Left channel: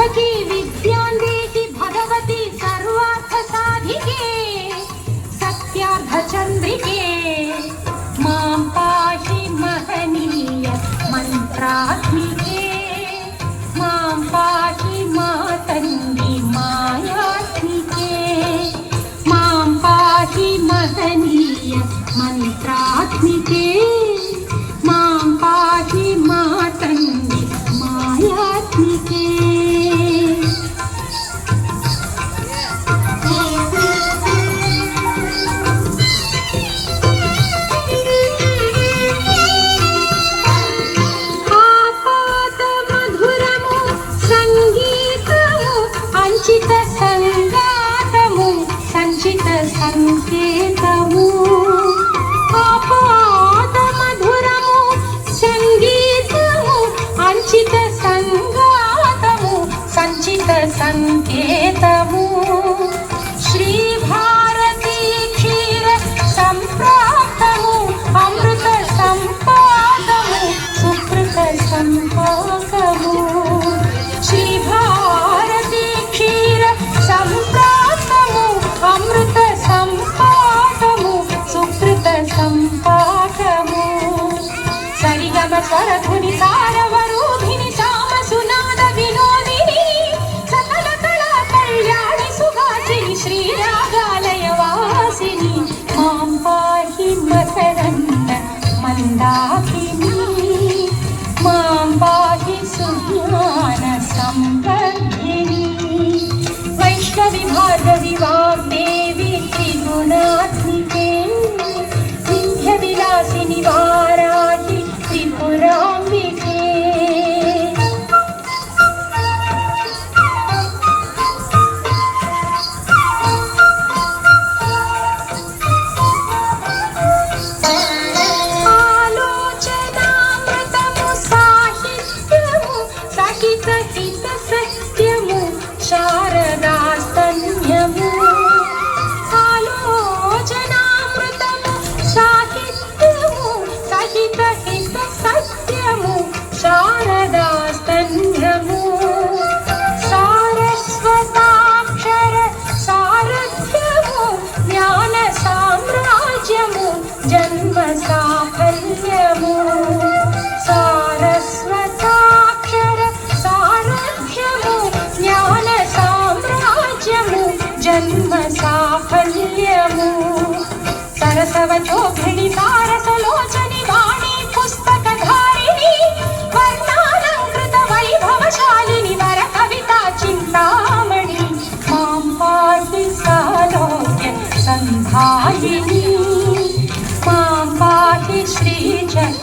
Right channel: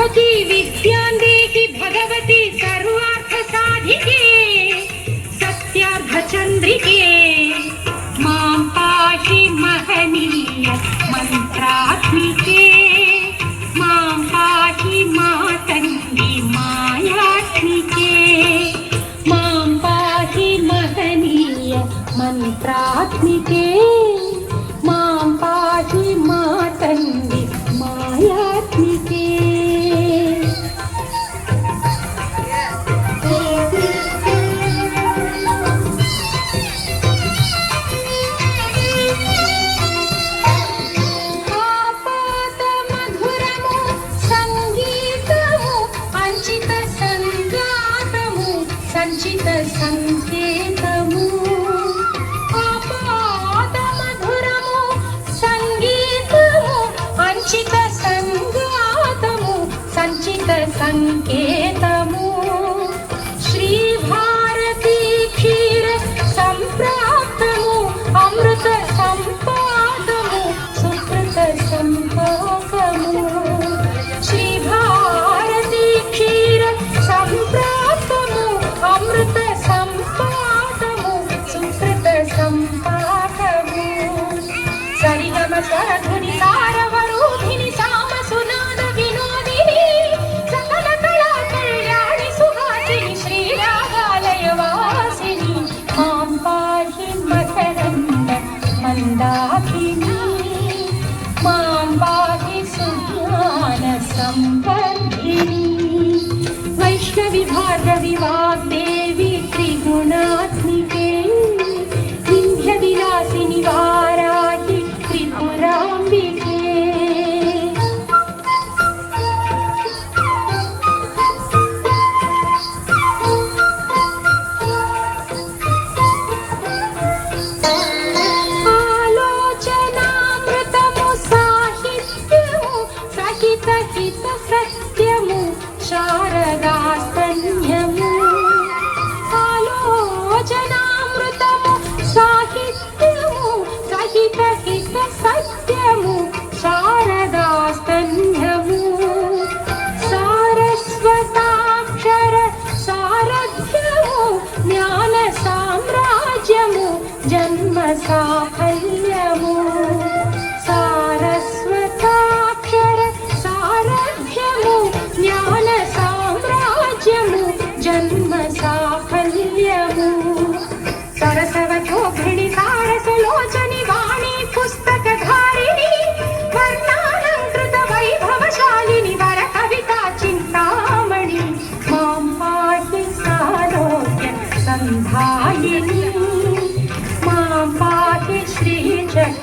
भवती विद्यान्देति भगवती सर्वार्थसाधिके सत्यार्थचन्द्रिके मां पाहि महनीय मन्त्रात्मिके मां पाहि मातङ्गी मायात्मिके मां पाहि महनीय मन्त्रात्मिके मां पाहि मातङ्गी मायात्मिके। సంచిత సంగాతము సంచిత సంకేతము ఆపాద మధురము సంగీతము అంచిత సంగాతము సంచిత సంకేతము శ్రీ భారతీ క్షీర సంప్రాప్తము అమృత సంపాదము సుకృత సంపాదము శ్రీ భారతీ క్షీర సంప్రాప్తము అమృత సంపాదము సుకృత సంపాదము సరిగమ స్వరధుని సారవరోధిని సామ సునాద వినోదిని సకల కళా కళ్యాణి సుహాసిని శ్రీ రాగాలయ వాసిని మాం పాహి మకరంద మందాకిని మాం పాహి సుజ్ఞాన సంపద్ధిని వైష్ణవి భార్గవి వాగ్దేవి త్రిగుణాత్మికే వింధ్య విలాసిని వారాహి త్రిపురాంబికే ఆలోచనామృతము సాహిత్యము సహిత హిత సత్యము శారదాస్తన్యము ఆలోచనామృతము సాహిత్యము సహిత హిత సత్యము శారదాస్తన్యము సారస్వతాక్షర సారథ్యము జ్ఞాన సామ్రాజ్యము జన్మ సాఫల్యము సారస్వతాక్షర సారథ్యము జ్ఞాన సామ్రాజ్యము జన్మ సాఫల్యము సరసవచోభిణి సారసలోచని వాణి పుస్తకధారిణి వర్ణాలంకృత వైభవశాలిని వర కవితా చింతామణి మాం పాహి సాలోక్య సంధాయిని మాం పాహి శ్రీచక్ర